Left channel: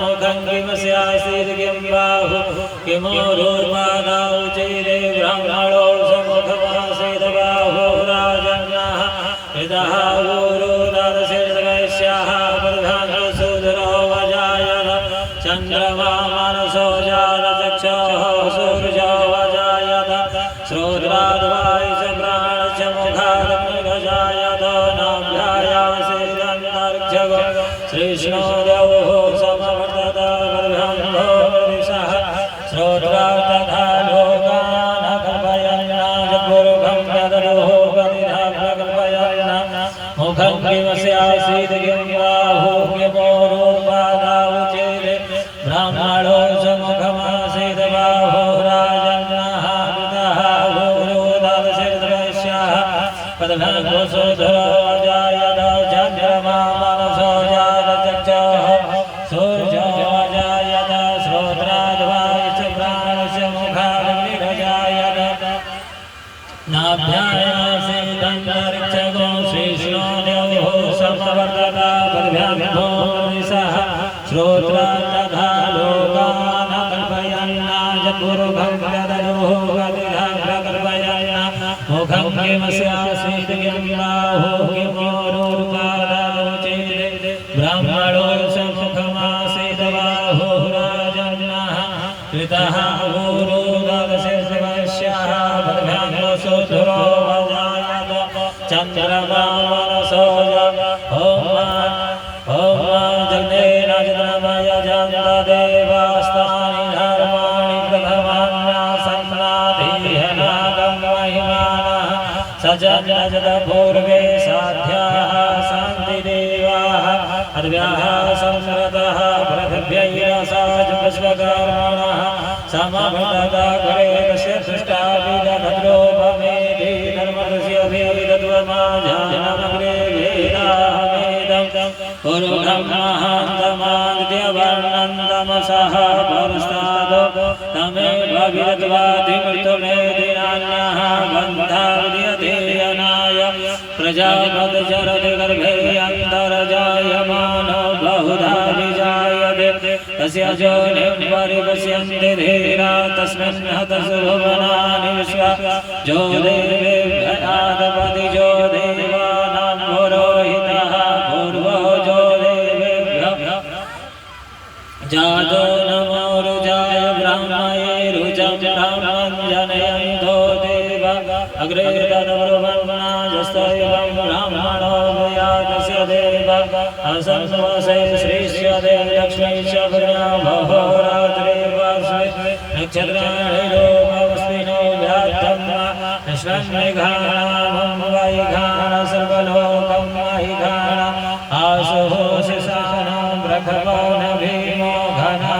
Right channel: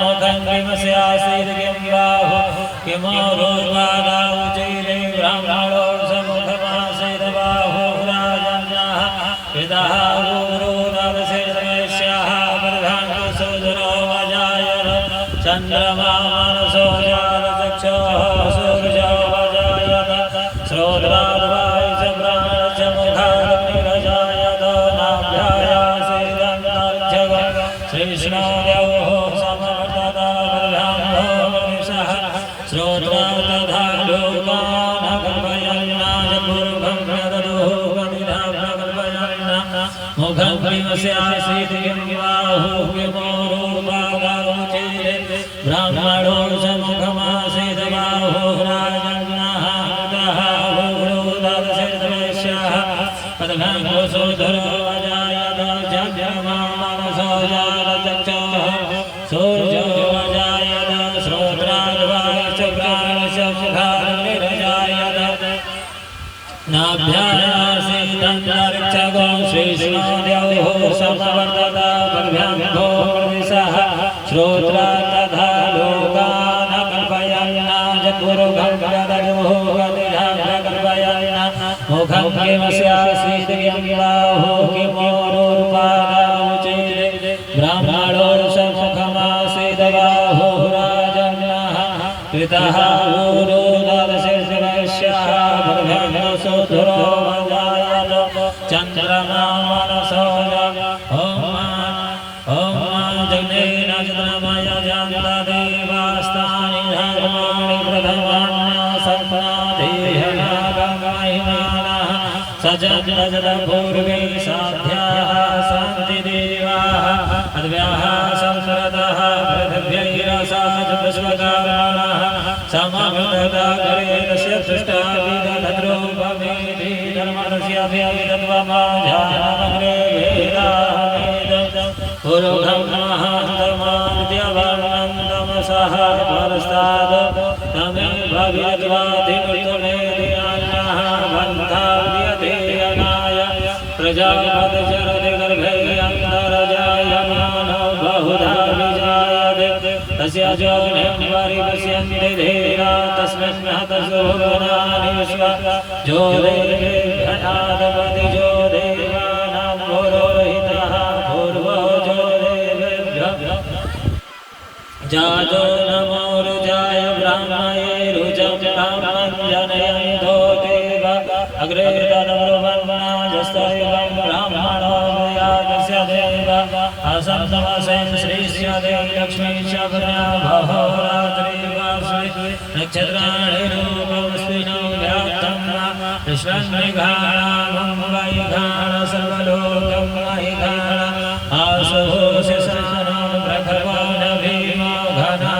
मुखं किमस्यासीत् किं बाहु किमोरूपादावुचैरे ब्राह्मणो समुखमासीत् बाहु राजन्नः पितः गुरो दर्शयद्वैश्यः प्रधानसूदरो वजायत चन्द्रमा मनसो जातचक्षुः सूर्यो वजायत श्रोत्राद्वायुश्च प्राणश्च मुखादग्निरजायत नाभ्यायासीदन्तरिक्षगो श्रीष्णो देवो समवर्तत ब्रह्मो मनीषः श्रोत्रा तथा लोकान् कल्पयन्ना जगुरुभं यददुः गतिधा प्रकल्पयन्ना मुखं किमस्यासीत् किं बाहु किमोरूपादावुचैरे ब्राह्मणो समुखमासीत् बाहु राजन्नः पितः गुरो दर्शयद्वैश्यः प्रधानसूदरो वजायत चन्द्रमा मनसो जातचक्षुः सूर्यो वजायत श्रोत्राद्वायुश्च प्राणश्च मुखादग्निरजायत नाभ्यायासीदन्तरिक्षगो श्रीष्णो देवो समवर्तत ब्रह्मो मनीषः श्रोत्रा तथा लोकान् कल्पयन्ना जगुरुभं यददुः गतिधा प्रकल्पयन्ना मुखं किमस्यासीत् किं बाहु किमोरूपादावुचैरे ब्राह्मणो समुखमासीत् बाहु राजन्नः पितः गुरो दर्शयद्वैश्यः ब्रह्मसूदरो वजायत चन्द्रमा मनसो ॐ जग्नेन चन्द्रमय जान्तदेवास्तानि धर्माणि प्रथमान्यासन्नाधिनागं महिमानः सजन्नजत पूर्वे साध्याः शान्तिदेवाः अद्व्याः संस्कृतः पृथिव्यैरसाच विश्वकर्मणः समवर्तत तस्य सृष्टाभिदधद्रूपमेधि धर्मस्य वेदत्वमाजानमग्रे वेदाहमेदं पुरुषं महान्तमादित्यवर्णं तमसः परस्तादो तमेवाभिदत्वाधिमृतमेधिनान्यः बन्धाव्यधेयनाय प्रजापतिचरति गर्भे अन्तर्जायमानो बहुधा विजायते तस्य योनिं परिपश्यन्ति धीरा तस्मिन् हतसु भुवनानि विश्वा जो देवेभ्यः जो देवानां पुरोहितः पूर्वो जो देवेभ्यः जातो नमो रुजाय ब्राह्मये रुजं ब्राह्मं जनयन्तो देव अग्रे तद्ब्रुवन्नाजस्तैवं ब्राह्मणो वयातस्य देव असन्नवसे श्रीस्य देवी लक्ष्मीश्च ब्रह्महोरात्रे वास्वे नक्षत्राणि लोकमस्मिनो व्याप्तं विश्वन्निघाणं वैघाण सर्वलोकं महिघाण आशुः शिशानो ब्रह्मो न भीमो घना